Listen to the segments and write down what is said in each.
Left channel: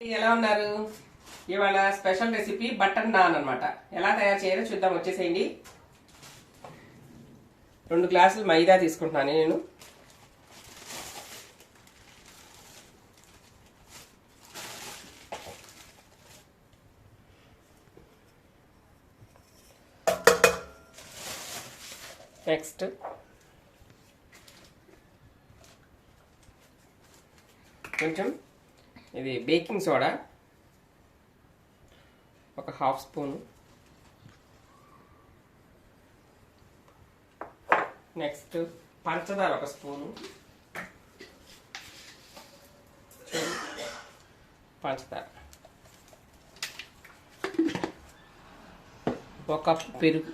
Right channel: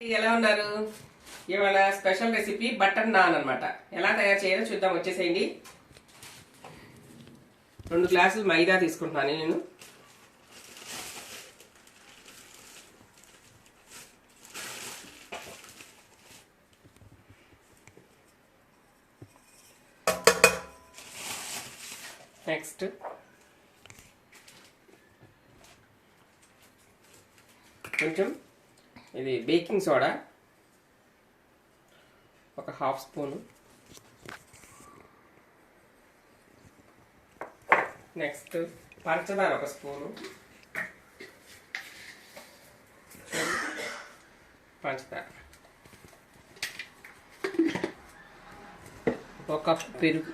ఎలా ఉన్నారు? ఇవాళ స్పెషల్ రెసిపీ బటర్ నాన్ అనమాట ఎలా తయారు చేయాలో చూద్దాం. వచ్చేసేయండి. రెండు గ్లాసులు మైదా తీసుకుంటున్నాను నేను. నెక్స్ట్ కొంచెం ఇది బేకింగ్ సోడా. ఒక హాఫ్ స్పూన్. నెక్స్ట్ పంచదార ఒక స్పూను. పంచదార. ఒక కప్పు పెరుగు.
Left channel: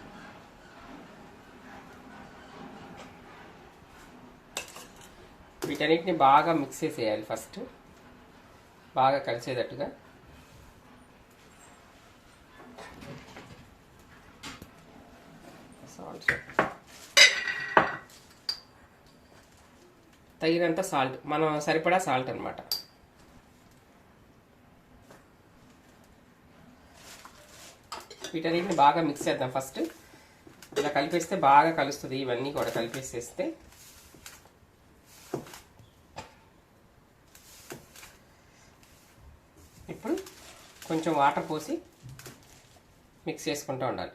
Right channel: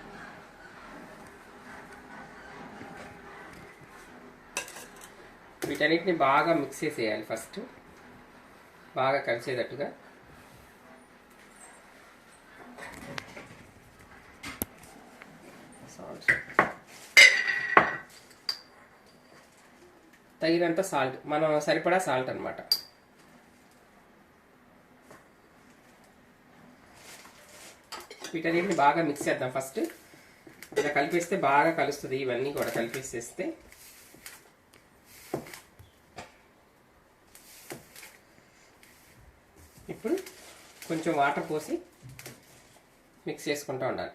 వీటన్నిటిని బాగా మిక్స్ చేసేయాలి ఫస్ట్. బాగా కలిసేటట్టుగా. తగినంత సాల్ట్ మనం సరిపడా సాల్ట్ అనమాట వీటన్నిటిని బాగా మిక్స్ చేద్దాం ఫస్ట్ ఇలా కలిపేస్తే బాగా కలుస్తుంది. ఇవన్నీ కూడా కలిపేసేస్తే ఇప్పుడు కొంచెం వాటర్ పోసి మిక్స్ చేసుకుంటూ ఉండాలి.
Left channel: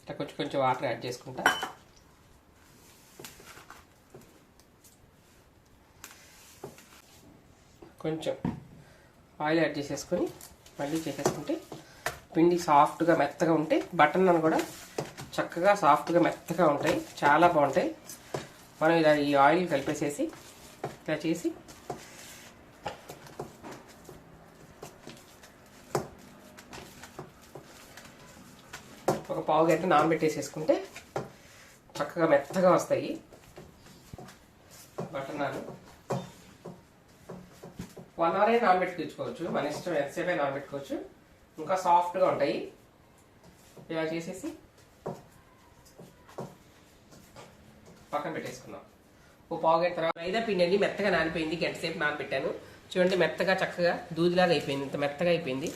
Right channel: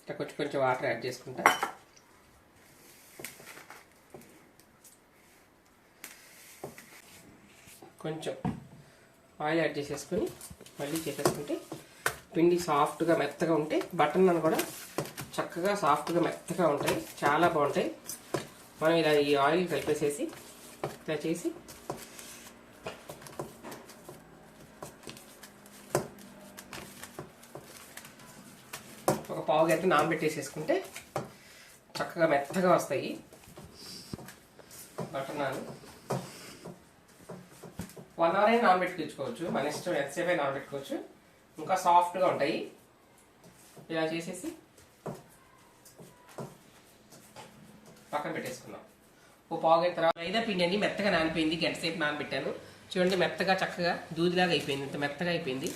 ఇట్లా కొంచెం కొంచెం వాటర్ యాడ్ చేసుకుంటా. కొంచెం ఆయిల్ యాడ్ చేసేసుకొని మళ్ళీ చేసేసుకుంటే పిండి సాఫ్ట్గా మెత్తగా ఉంటే బటన్ కూడా చక్కగా సాఫ్ట్గా మెత్తగా ఉంటాయి. చాలా బాగుంటాయి. మనం ఇలా ఈ ఆయిల్ కలిపేసేసి ఇలా చేసి పావు గంట నానబెట్టేసేసుకుంటే చక్కగా మెత్తగా వస్తాయి. బటర్ నాన్ వన్ అవర్ అయినా నానబెట్టుకోవచ్చు మన ఇష్టం ఎంతసేపు అయినా నానబెట్టుకోవచ్చు. ఇంకా సాఫ్ట్గా ఉంటాయి. ఇలా చేసేసి పక్కన పెట్టేసుకున్నాం ఓ పావు గంట తర్వాత మైదా పిండి అని మెత్తగా నానిపోయింది. గంట సేపు నానబెట్టాను. చూడండి మెత్తగా చక్కగా దూదిలాగా అయిపోయింది. ఇంత మెత్తగా అయిపోయింది.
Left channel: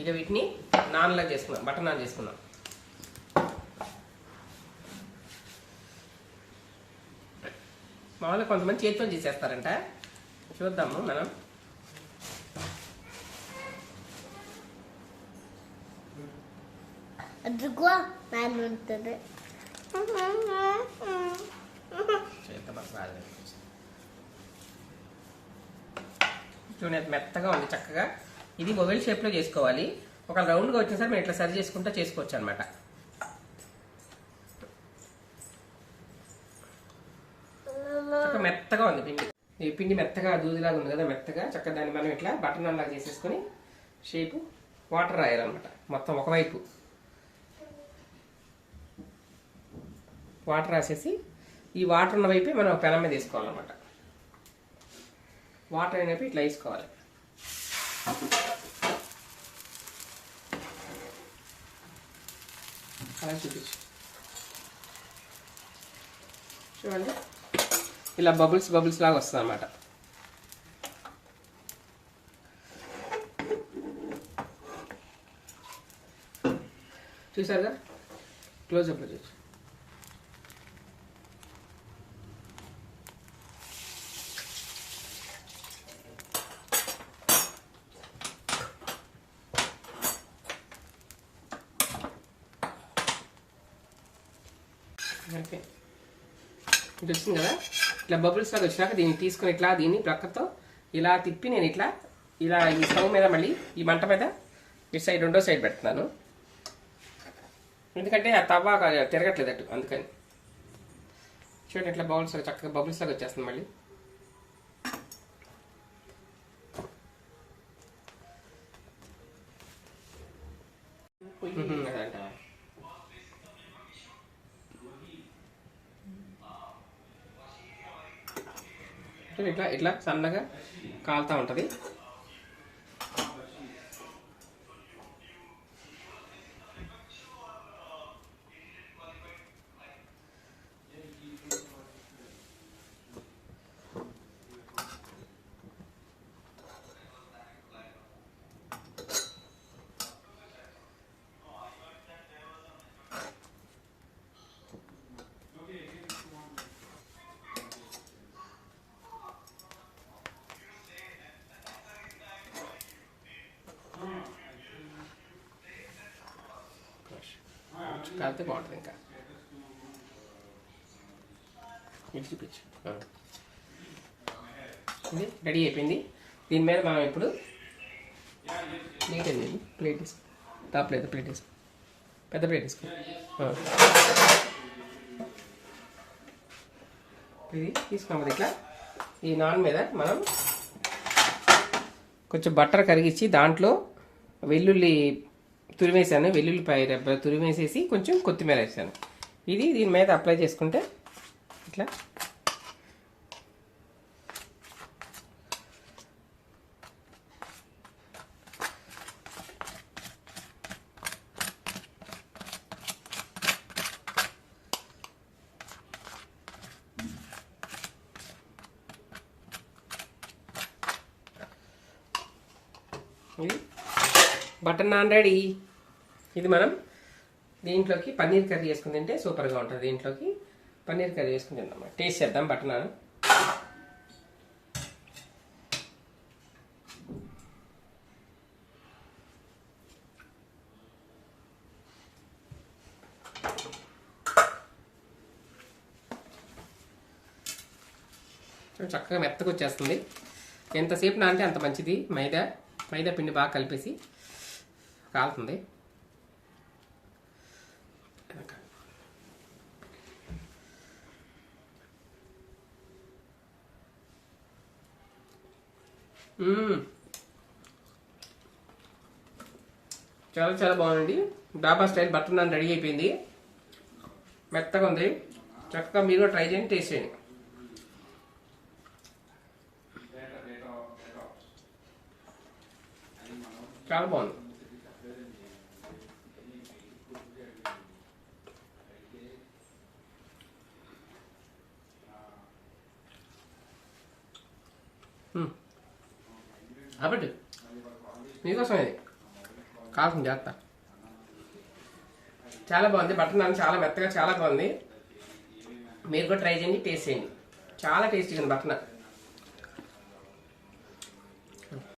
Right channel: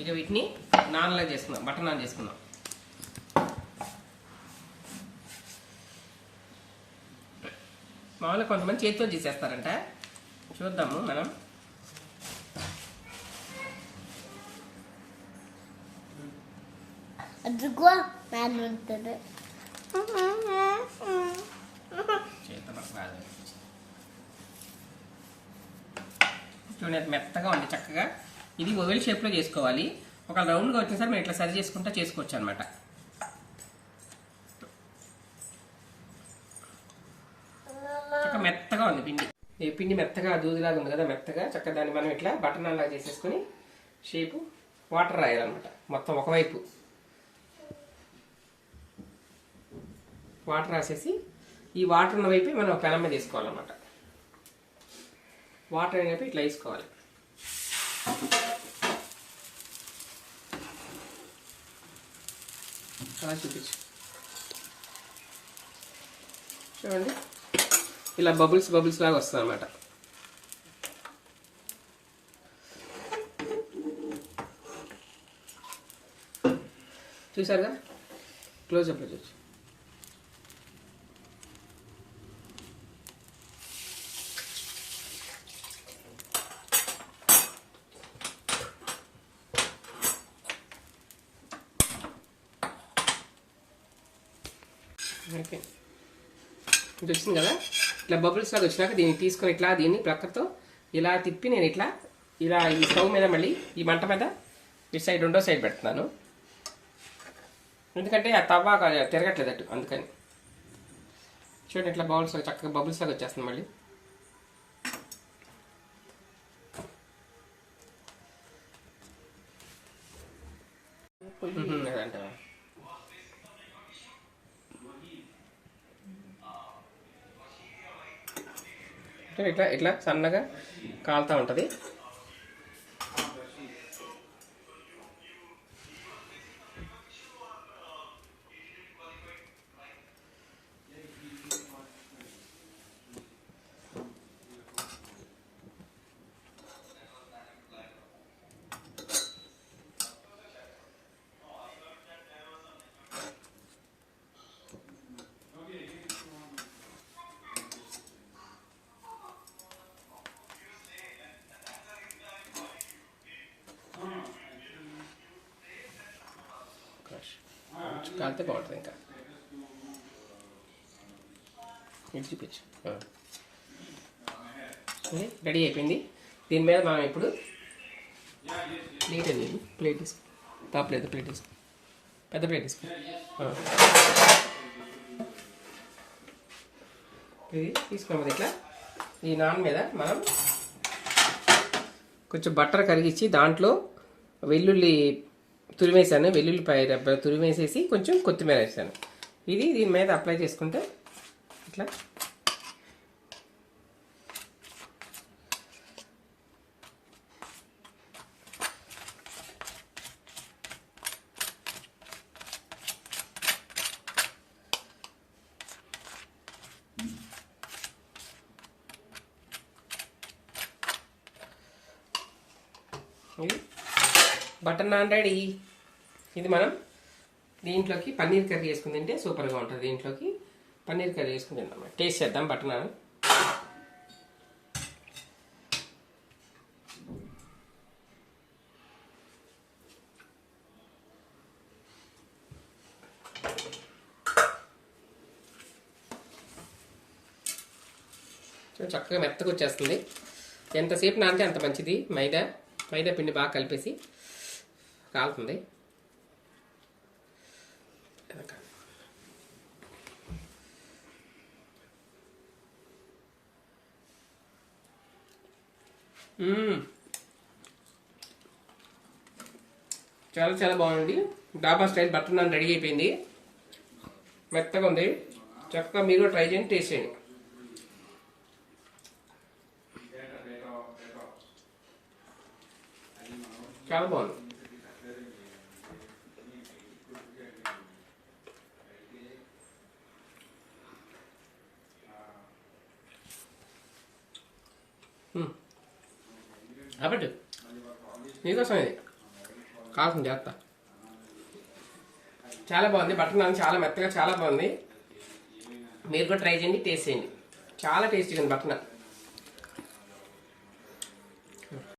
ఇక వీటిని నాన్లా చేసుకున్నాం బటర్ నాన్ చేసుకున్నాం మామూలుగా కొంతమంది చేతితో చేసేస్తారంట. చూద్దాము మనం. అదిగో మ్యాన్ ఉంటుంది. చూడండి అది మెత్తగా ఉంది చక్కగా. ఇది మొబైల్ షేప్లో చేసుకోవాలి. ఒక రౌండ్గా వచ్చిన సరే మేము ఇట్లా సరి చేసుకుంటా చేసుకోవచ్చు అనమాట చక్కగా మెత్తగా ఉంది పిండి. ఈ పిండి మెత్తగా దూదిలాగా ఉంది కదా మెత్తగా. చక్కగా దాన్ని మనం ఇట్లా బటన్ అలా చేసేసుకొని షేపు వాటర్ రాయాలన్నమాట. మొత్తం ఒకవైపు. వాటర్ రాసేసి ఈ వాటర్ ఉన్న వైపే మనం పెనం మీద వేసుకోవాలన్నమాట. వాటర్ అనేవి ఇట్లా వేసుకోవాలి. అలా చూపించు. చూడండి. ఇలా బబుల్స్ బబుల్స్ లాగా వస్తుంది అనమాట చూసారుగా క్లోజ్అప్లో చూసి ఓకే. ఇది వచ్చింది కదా? ఇట్లా బబుల్స్ లాగా వచ్చినాక దీన్ని తీసుకొని ఇట్లా దీన్ని ప్రక్కతో ఇలా తిప్పి నేను ఇట్లా ఇలా ఈ స్టవ్ మీద మళ్ళీ ఈ మంట మీద ఇటు సైడ్ రెండో సైడ్ పెడుతున్నాను. ఎందుకంటే ఆ తవ్వ తిరగట్లేదు అటు అందుకని. చూడండి ఇట్లా బౌల్స్ చక్కగా బబుల్స్ లాగా వచ్చేస్తుంది మళ్ళీ. అదంటావా? ఇట్లా ఇట్లా సన్నగా కాలుతూ ఉంటుంది. కాలితే బాగుంటుంది ఇంకా. ఇది చూపించు రెడీ అయిపోయింది. దీని మీద మనం ఇప్పుడు ప్లేట్ అది ప్లేట్ తీసుకో. టాప్ లేదు ప్లేట్ తీసుకో. పెద్ద ప్లేట్ తీసుకో. ఇది తీసుకున్నాం ఇట్లా ఈ నాన్ మీద మనం కొంచెం బట్టర్ కరిగించి దాంట్లో వెల్లుల్లి తురిమేసాను వెల్లుల్లిపాయ రెబ్బ తురిమేసేసి కొంచెం కొత్తిమీర వేసాను. ఇది దీని మీద అప్లై చేసుకుంటే ఇట్లా ఇది బటర్ నాన్ రెడీ. ఇది మనం దీంట్లోకి పన్నీర్ కర్రీ వేసుకుని తింటే సూపర్గా ఉంటుంది దీంట్లోకి. పన్నీర్ కర్రీ వేసుకుని తిందాం టేస్ట్ చేద్దాం బటర్ నాన్. చక్కగా మెత్తగా వచ్చేస్తుంది. ఎంతసేపు నానితే అంత మంచిది. మైదా మైదా పిండి బాగా కలిపేసి. కాలుతుంది చాలా చాలా బాగుంది డాబా స్టైల్ బటర్ నాన్ రెడీ అయిపోయింది. మెత్తగా ఉంది. చక్కగా మీరు కూడా ట్రై చేయండి టేస్ట్ చేయండి. చాలా బాగుంది. మీకోసం ఇది. కావాల్సింది జాగ్రత్త. చాలా బాగుంది. బటర్ నాన్ చాలా మెత్తగా చాలా బాగుంది. మీరు కూడా ట్రై చేయండి టేస్ట్ చేయండి. చాలా టేస్టీగా ఉంది బటర్ నాన్.